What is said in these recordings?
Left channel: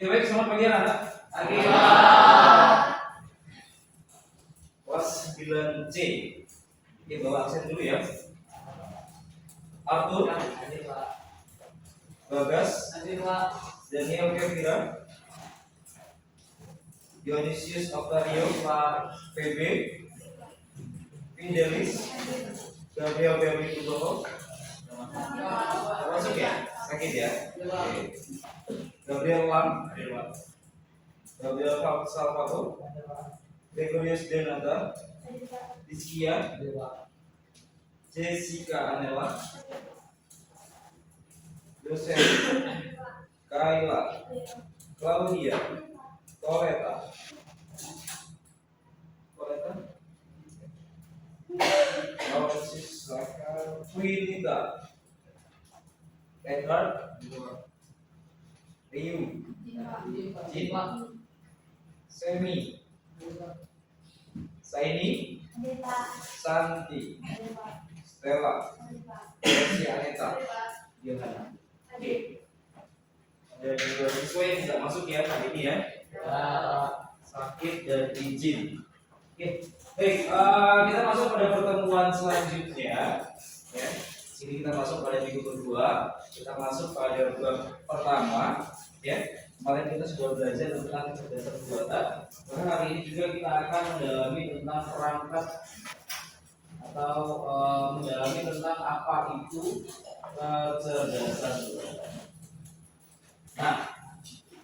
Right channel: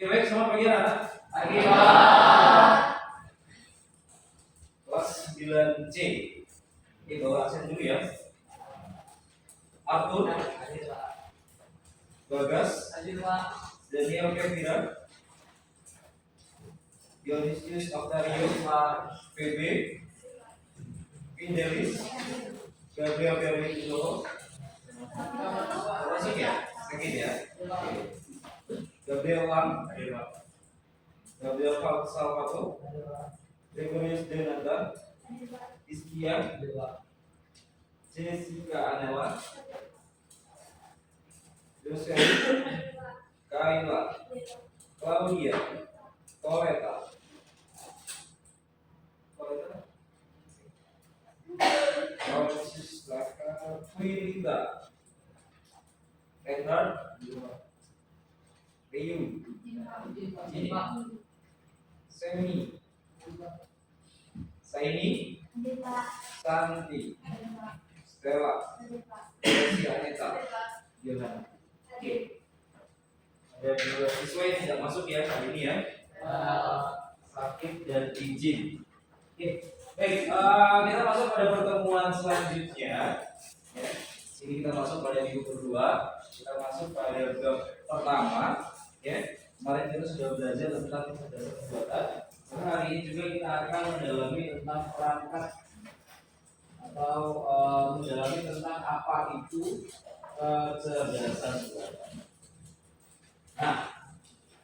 Oke, baik, selamat pagi anak. Pagi. Kelas 9C. Oke, bawa absen dulu ya. Arthur, Bagas, Daniel Kevira, Dionysius Octavio, PB, Pindelis, Gabriel Ferry Kudoho. Masuk ya? Sakit ya? Oke. Gabriel Lam, Gabriel Salvato, Gregorius Denata, Iskia, Jessica Anela, Yosef, Kaila, Claudia, Coleta, Francis Saka, Twinita, Edward, Riu, Jima, Semi, Saini, Santi, Stella, Desi Aneta, Yohana. Oke. Ada dua siswa yang tidak masuk ya kali ini ya. Sakit dan izin. Oke. Baik, kita masuk pada pertemuan selanjutnya. Ya. Sini kita masuk pada minggu kedua. Kita masuk pada bab pertama. Ya. Kemarin kita sudah belajar tentang kecerdasan buatan. Maka hari ini juga kita akan mendalami tentang perangkat atau mendalami tentang apa itu kecerdasan buatan. Nah,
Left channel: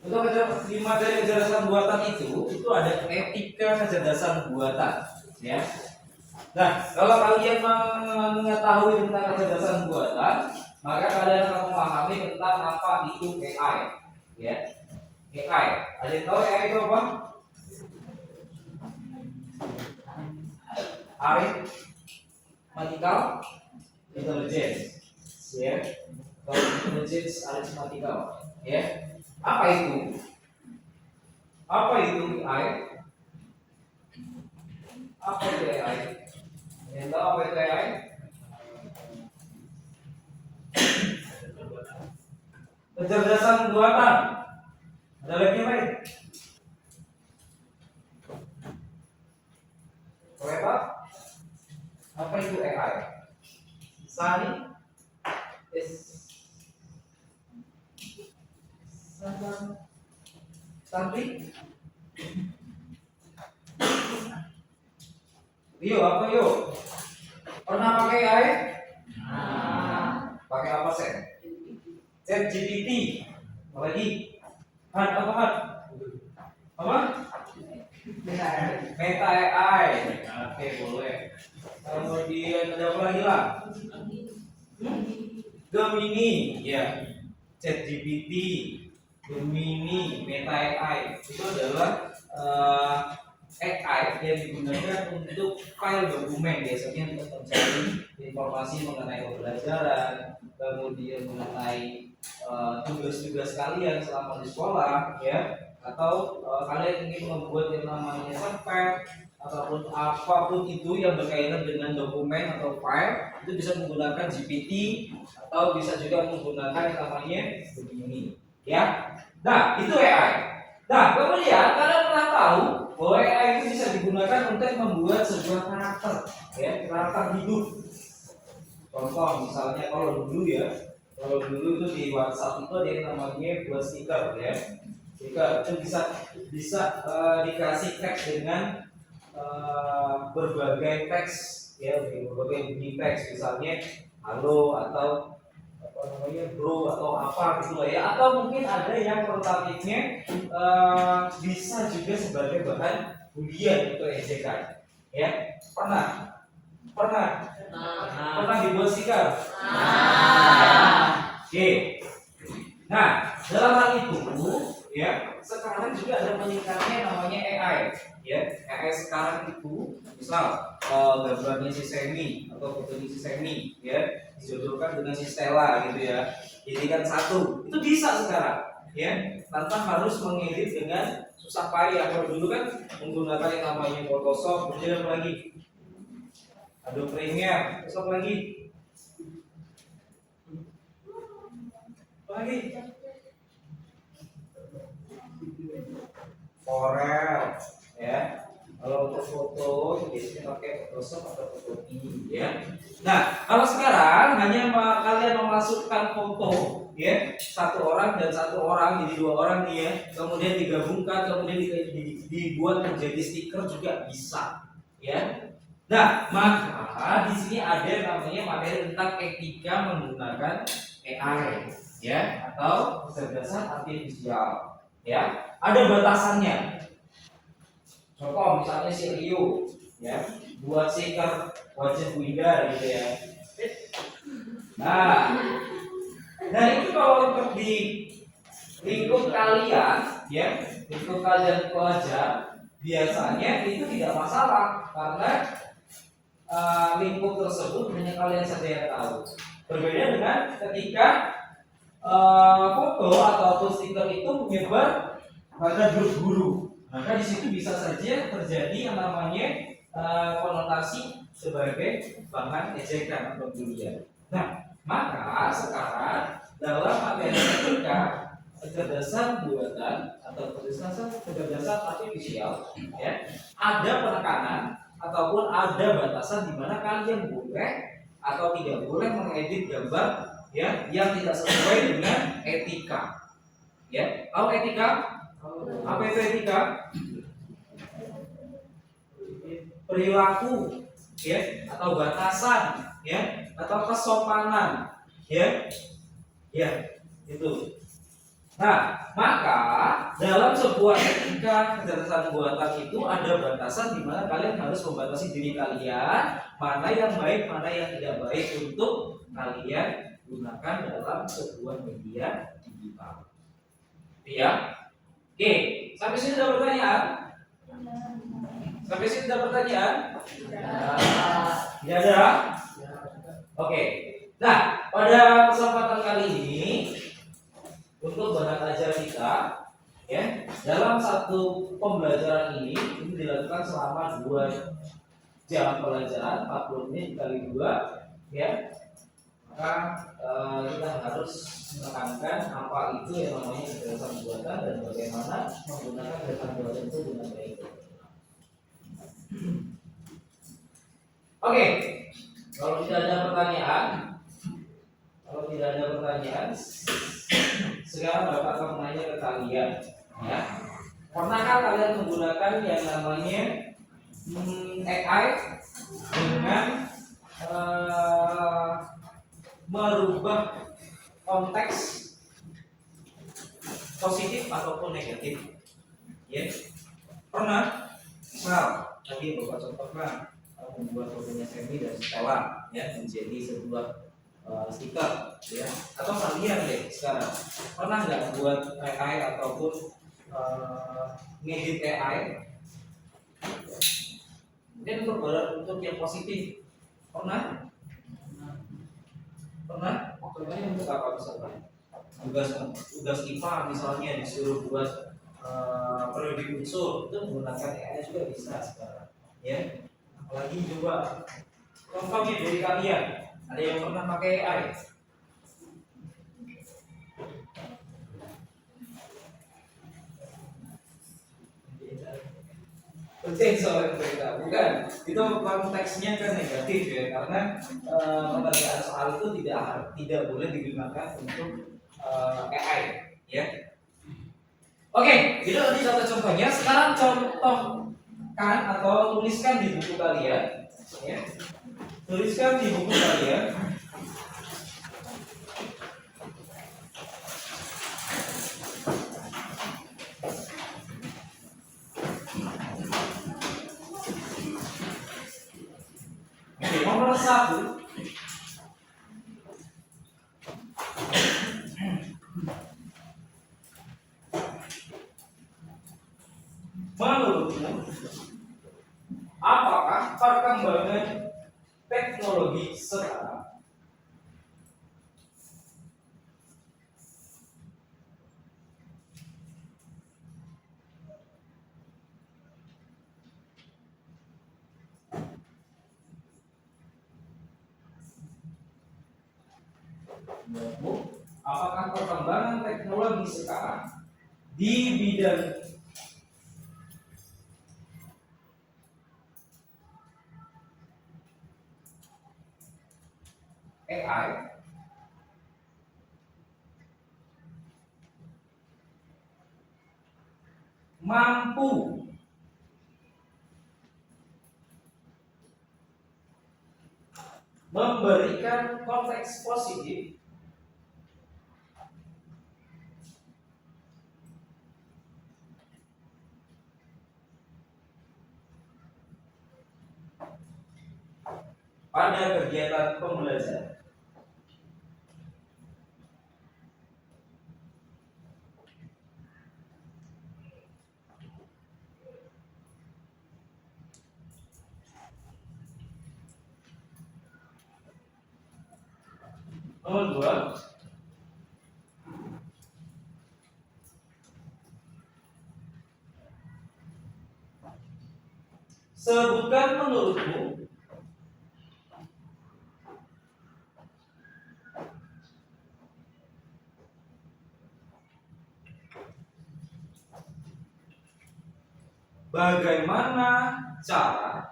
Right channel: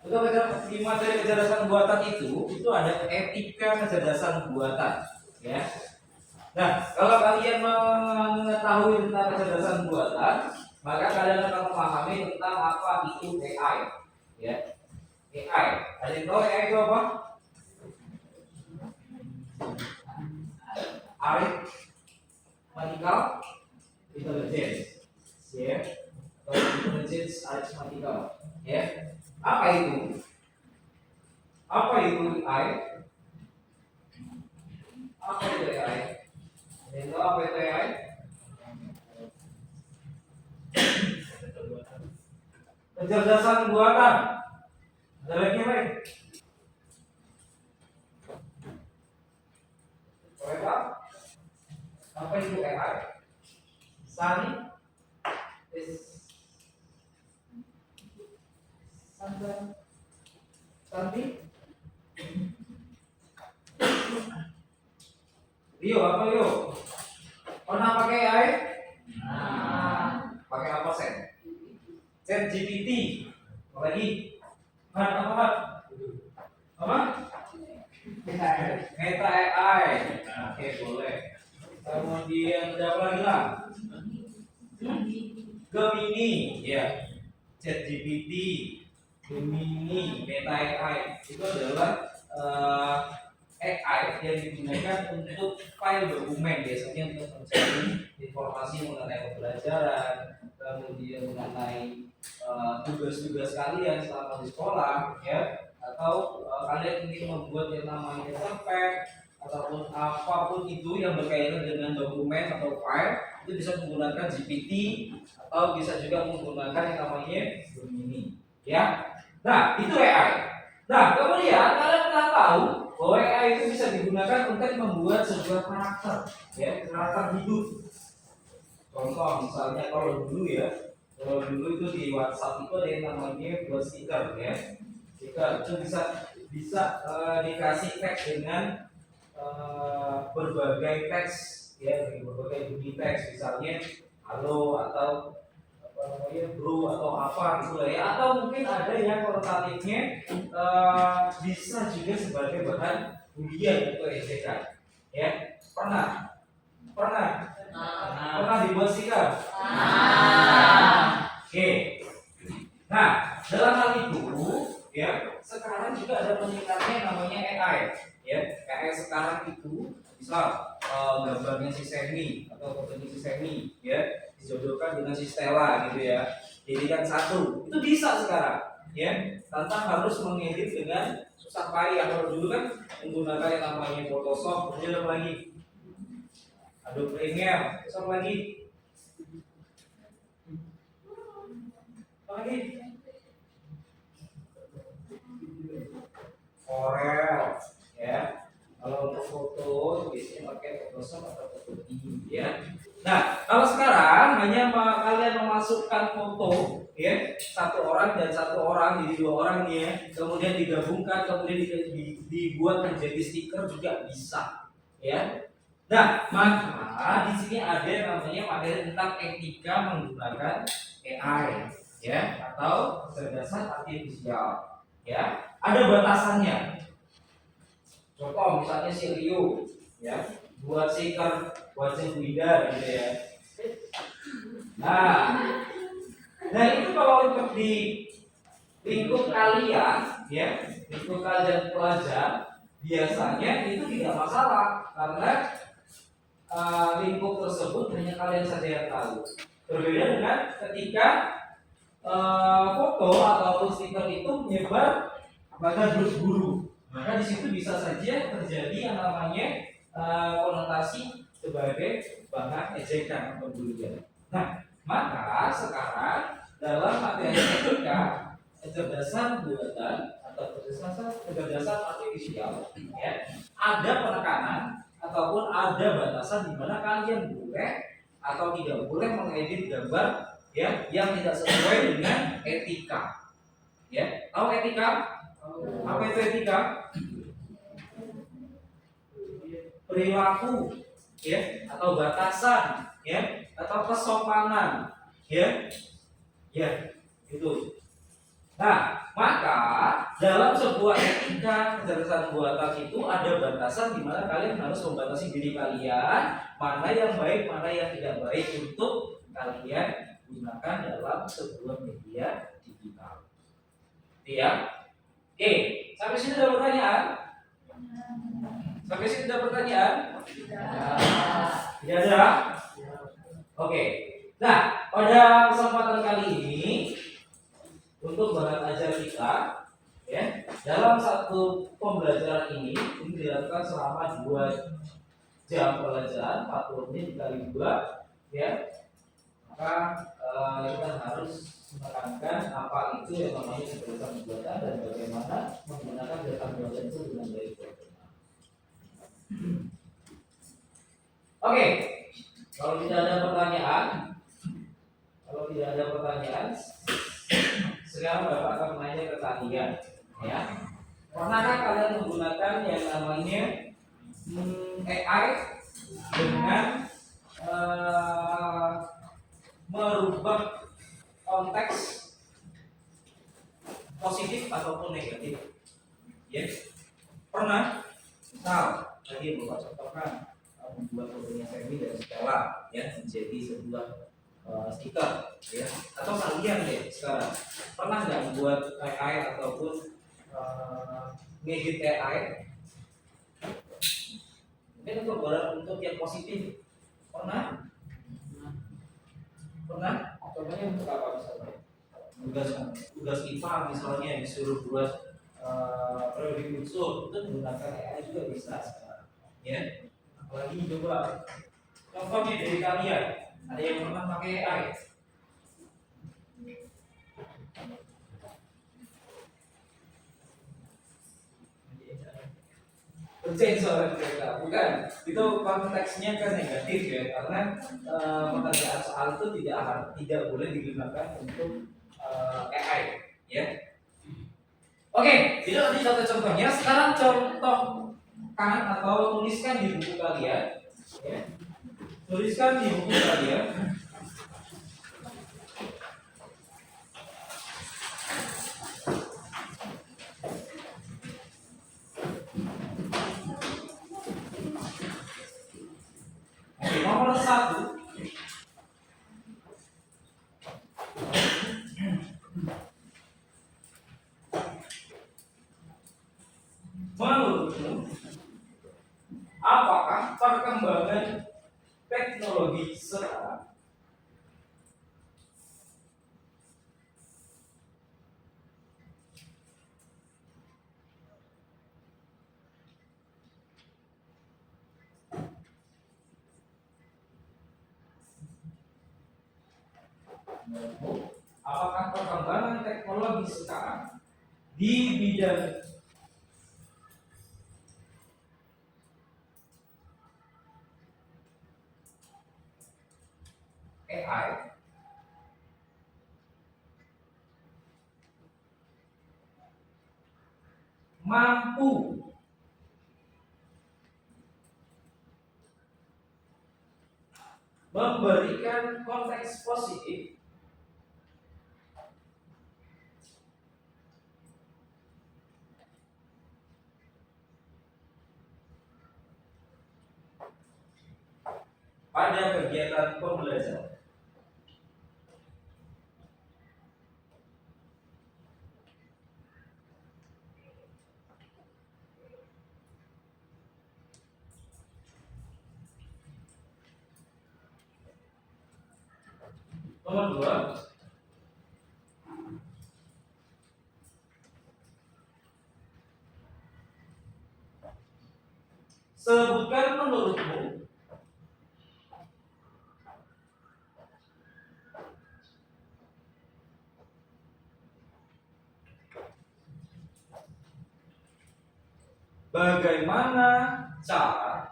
untuk di materi kecerdasan buatan itu ada etika kecerdasan buatan, ya. Nah, kalau kalian mengetahui tentang kecerdasan buatan, maka kalian akan memahami tentang apa itu AI, ya. AI, ada yang tahu AI itu apa? Arithmetical intelligence, ya. Kalau intelligence arithmetical, ya. Apa itu? Apa itu AI? Apa itu AI? Yang tahu apa itu AI? Kecerdasan buatan. Ada lagi yang lain? Apa? Apa itu AI? Sani? Something? Yo, apa yo? Pernah pakai AI? Pakai apa sen? ChatGPT. Apa lagi? Apa? Meta AI. Oke, boleh. Kemudian ada apa lagi lah? Gemini, ya. ChatGPT, Gemini, Meta AI itu adalah AI yang digunakan untuk file dokumen, biasanya untuk mencari informasi mengenai pembelajaran, kemudian mengenai tugas-tugas kalian selama di sekolah, ya, atau kalian ingin membuat yang namanya survei ataupun apapun itu yang berkaitan dengan dokumen atau file, itu bisa menggunakan GPT atau bisa juga menggunakan yang namanya Gemini, ya. Nah, itu AI. Nah, kemudian kalian pernah tahu bahwa AI itu bisa digunakan untuk membuat sebuah karakter, ya, karakter hidup. Contoh misalnya kalau dulu itu di WhatsApp itu ada yang namanya buat stiker, ya. Stiker itu bisa dikasih teks dengan berbagai teks, ya, berbagai bunyi teks, misalnya halo atau apa namanya bro atau apa gitu lah, ya, atau mungkin ada yang alternatifnya bisa juga sebagai bahan bulian atau ejekan, ya. Pernah dibuat stiker. Oke. Nah, dalam hal itu, ya, sekarang juga ada peningkatannya namanya AI, ya. AI sekarang itu misal gambarnya si Semi atau fotonya si Semi, ya, dijodohkan dengan si Stella gitu, ya, jadikan satu, itu bisa sekarang, ya, tanpa harus mengedit dengan susah payah. Kalau dulu kan menggunakan yang namanya Photoshop, kemudian apa lagi? Adobe Premiere, terus apa lagi? Corel, ya. Kalau untuk foto biasanya pakai Photoshop atau Photoshop ya. Nah, kalau sekarang hanya kalian memasukkan foto ya, satu orang dan satu orang jadi dua orang nih ya, kemudian digabungkan, kemudian dibuat menjadi stiker juga bisa ya. Nah, maka di sini ada namanya materi tentang etika menggunakan AI ya, atau kecerdasan artifisial ya. Ada batasannya. Contoh misalnya si Rio ya, buat stiker wajah Winda gitu ya. Nah, itu kalau untuk di lingkup kalian ya, lingkup kalian pelajar biasanya itu tidak masalah karena lingkup tersebut hanya kalian saja yang tahu. Berbeda dengan ketika foto atau stiker itu menyebar pada grup guru. Maka di situ bisa saja terjadi yang namanya konotasi sebagai bahan ejekan atau bulian. Nah, maka sekarang dalam materi etika kecerdasan buatan atau kecerdasan artifisial ya, ada penekanan ataupun ada batasan di mana kalian boleh atau tidak boleh mengedit gambar ya yang tidak sesuai dengan etika. Ya, tahu etika? Apa itu etika? Perilaku ya, atau batasan ya, atau kesopanan ya. Ya, itu. Nah, maka dalam sebuah etika kecerdasan buatan itu ada batasan di mana kalian harus membatasi diri kalian, mana yang baik, mana yang tidak baik untuk kalian gunakan dalam sebuah media digital. Ya. Oke, sampai sini ada pertanyaan? Sampai sini ada pertanyaan? Tidak ada. Oke. Nah, pada kesempatan kali ini untuk bahan ajar kita ya, dalam satu pembelajaran ini dilakukan selama 2 jam pelajaran, 40 menit kali 2 ya. Maka kita harus menekankan apa itu yang namanya kecerdasan buatan dan bagaimana menggunakan data buatan itu dengan baik. Oke, kalau tidak ada pertanyaan, sekarang Bapak akan menanya ke kalian, ya. Pernahkah kalian menggunakan yang namanya AI dengan merubah konteks positif ataupun negatif? Ya, pernah? Misal tadi Bapak contohkan membuat fotonya Semi dan Stella ya menjadi sebuah stiker ya, atau kalian deh sekarang pernah nggak buat AI ataupun ngedit AI mungkin untuk yang positif? Pernah? Contohnya untuk apa misalnya? Tugas IPA misalnya disuruh buat periode unsur itu menggunakan AI juga bisa sekarang ya. Apalagi coba contohnya dari kalian, ada yang pernah pakai AI? Sensor mereka bukan, itu konteksnya kan negatif ya, karena pengerjaan soal itu tidak boleh digunakan untuk AI ya. Oke, itu tadi satu contohnya. Sekarang contohkan atau tuliskan di buku kalian ya. Tuliskan di buku kalian nomor 1. Menurutmu, apakah perkembangan teknologi sekarang apakah perkembangan teknologi sekarang di bidang AI mampu memberikan konteks positif pada kegiatan pembelajaran. Nomor 2, sebutkan menurutmu bagaimana cara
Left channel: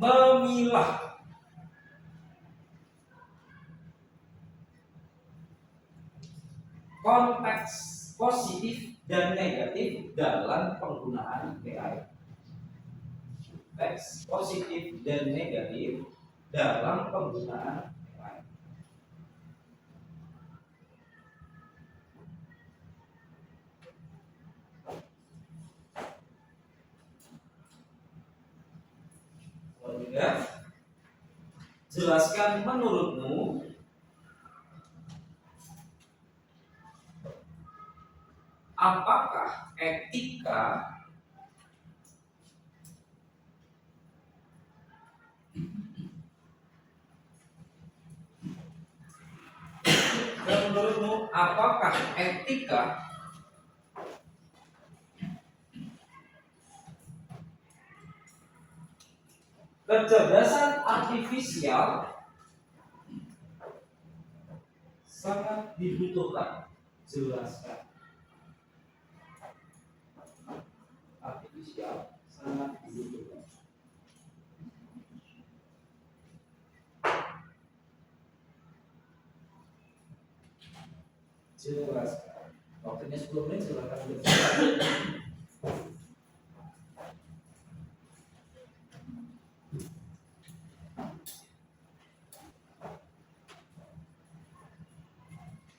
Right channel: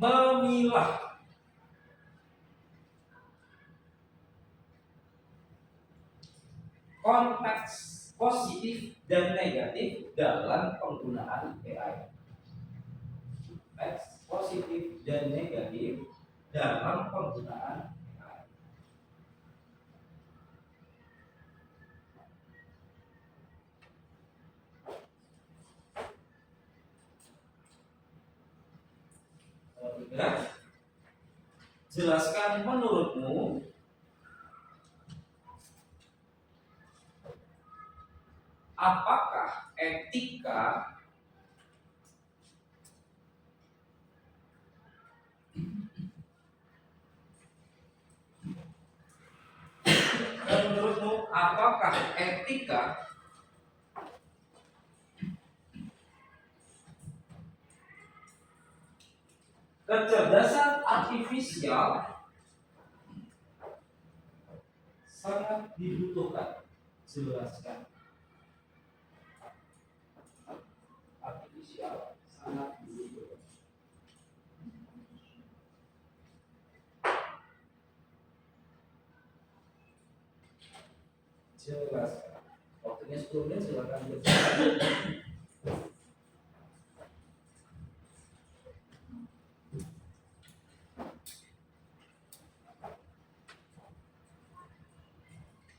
memilah konteks positif dan negatif dalam penggunaan AI. Konteks positif dan negatif dalam penggunaan AI. Ketiga, jelaskan menurutmu apakah etika kecerdasan artifisial sangat dibutuhkan? Jelaskan. Artifisial sangat dibutuhkan. Jelaskan. Waktunya 10 menit, silakan berbicara.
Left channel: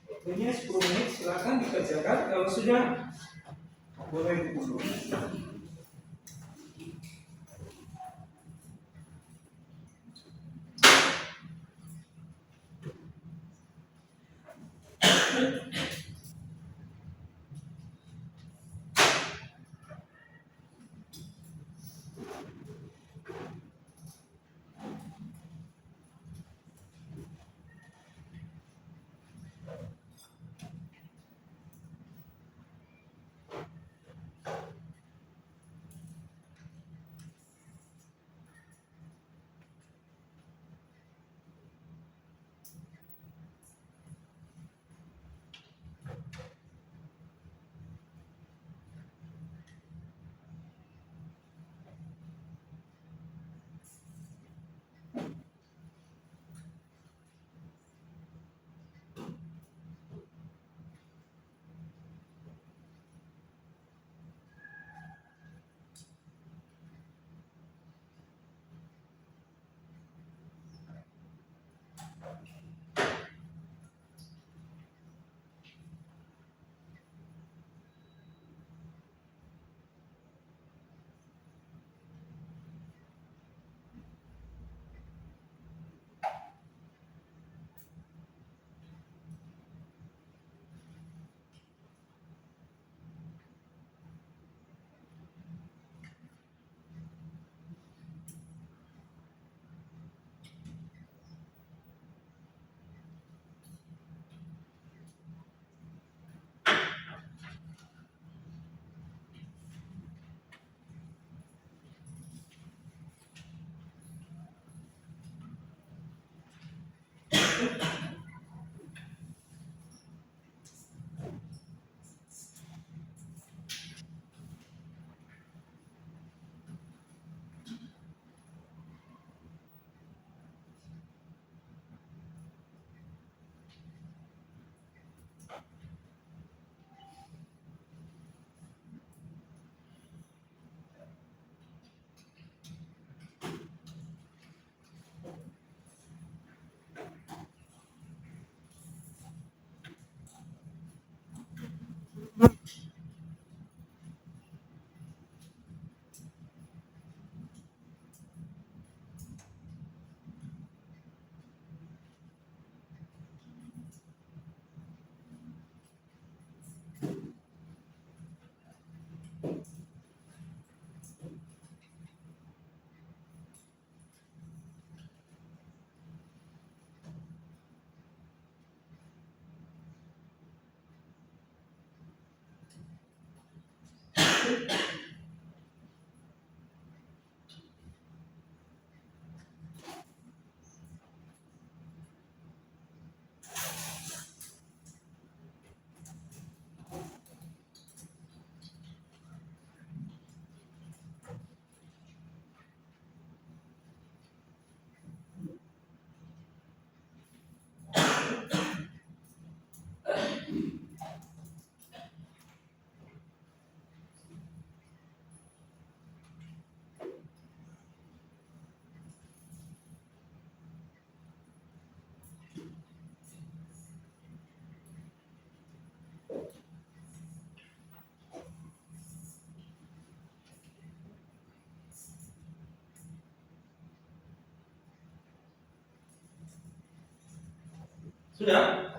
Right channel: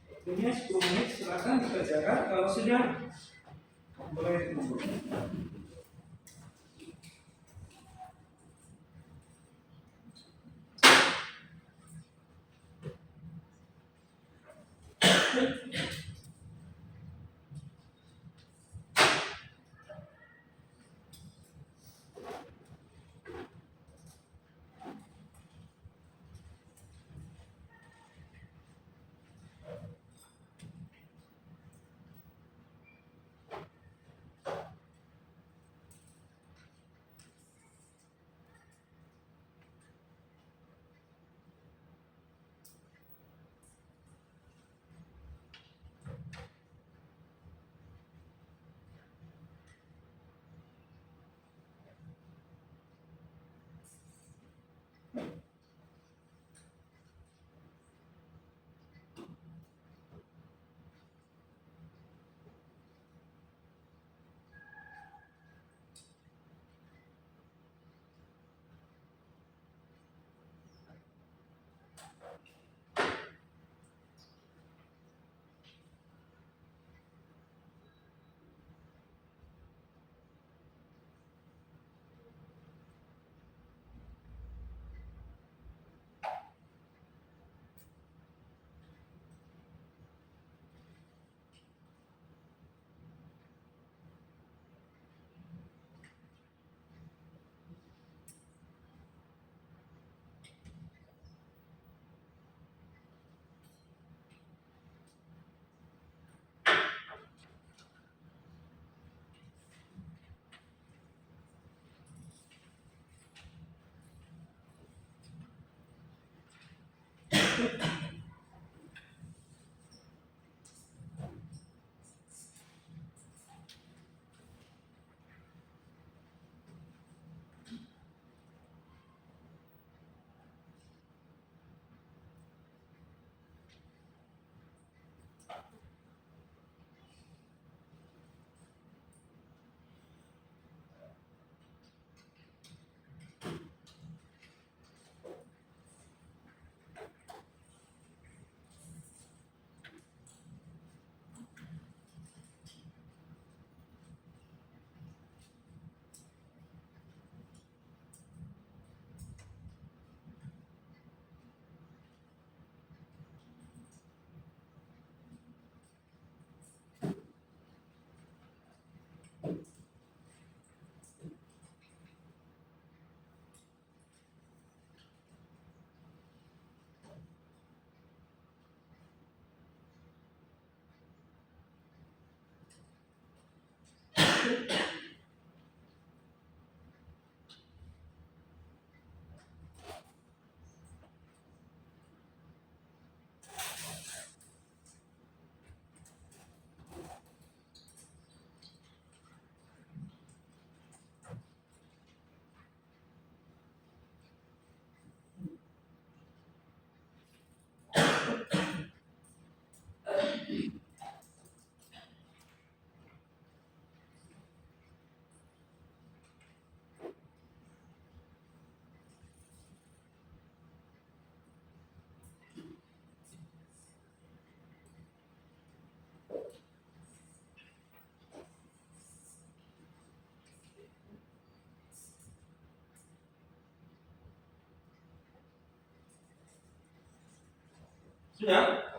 Waktunya 10 menit, silakan dikerjakan. Kalau sudah, boleh ditutup. Sudah?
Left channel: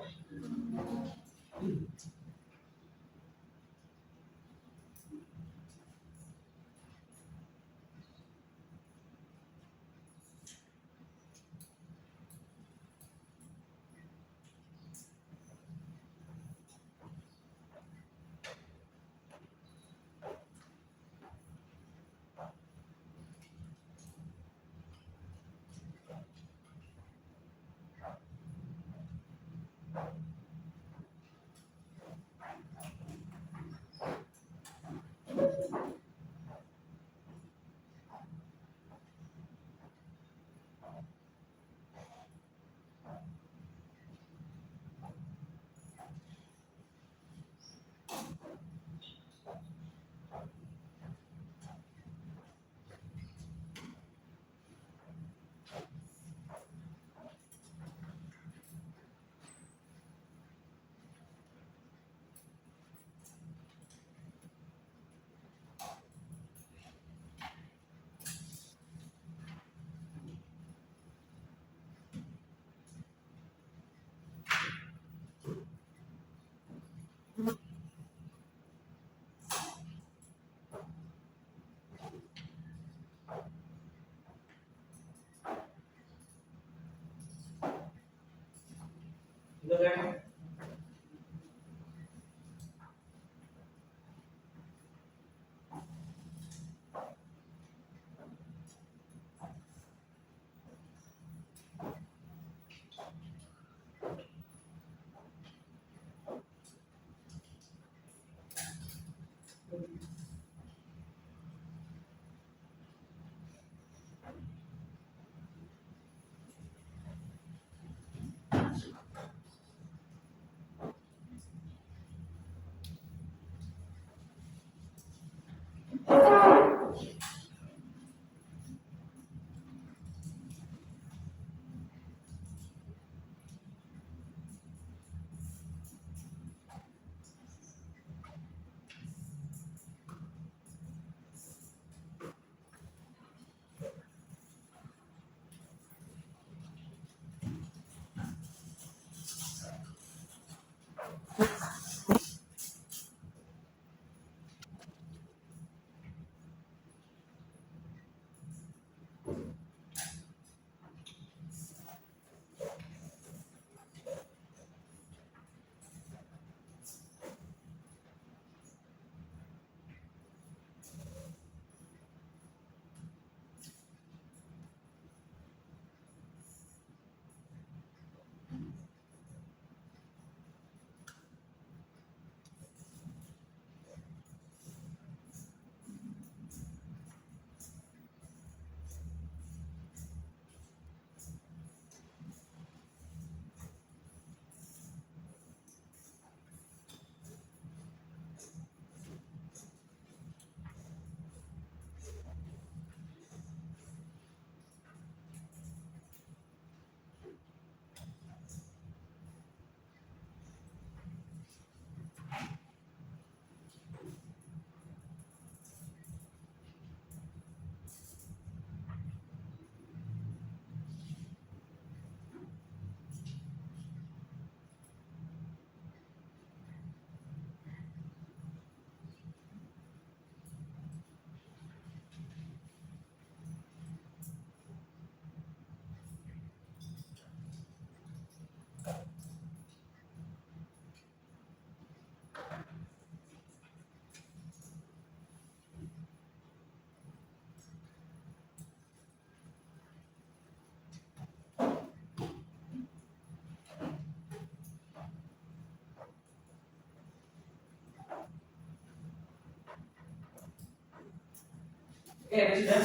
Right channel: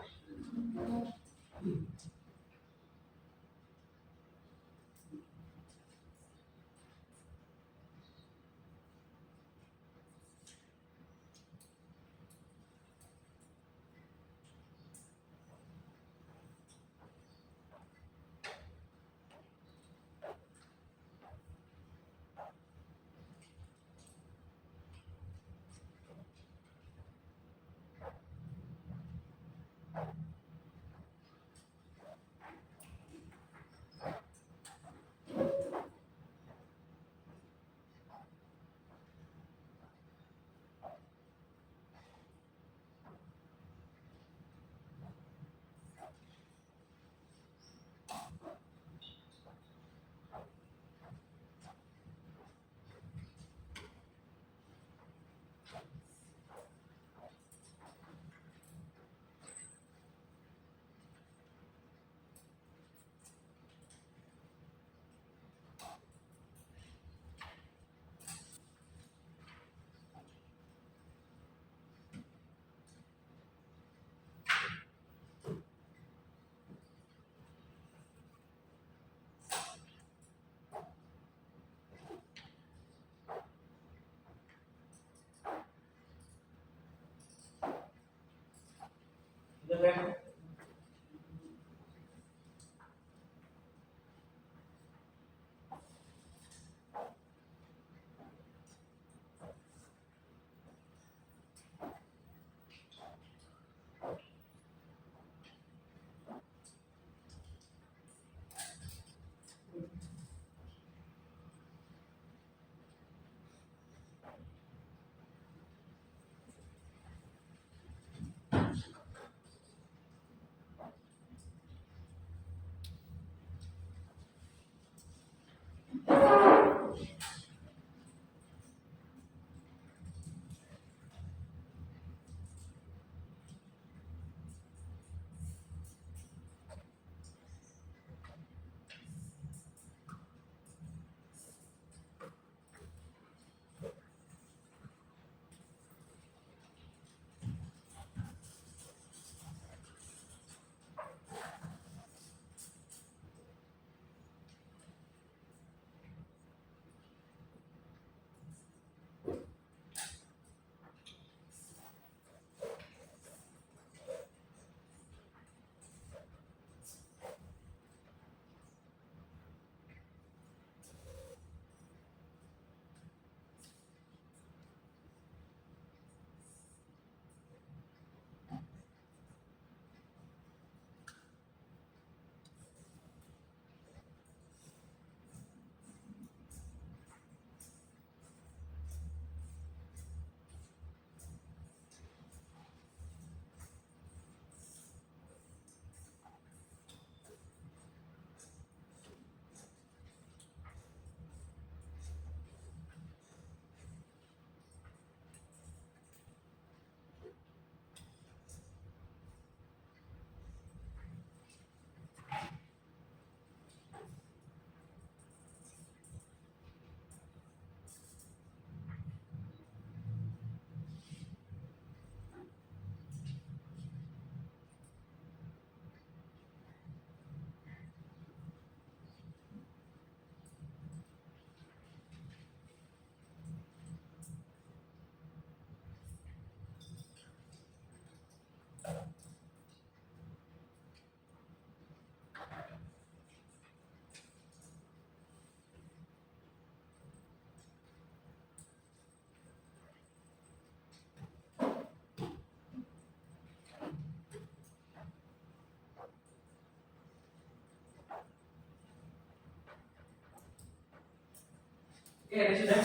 Oke, ada sudah?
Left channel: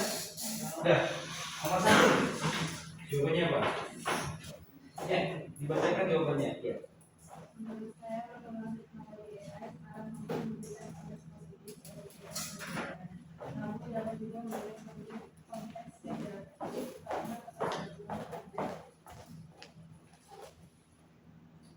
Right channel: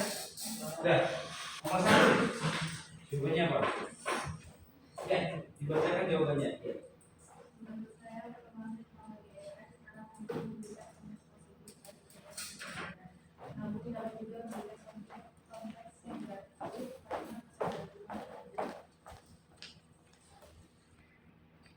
Sudah. Nomor 1. Jawabannya apa? Ya, dibacakan jawabannya. Ya.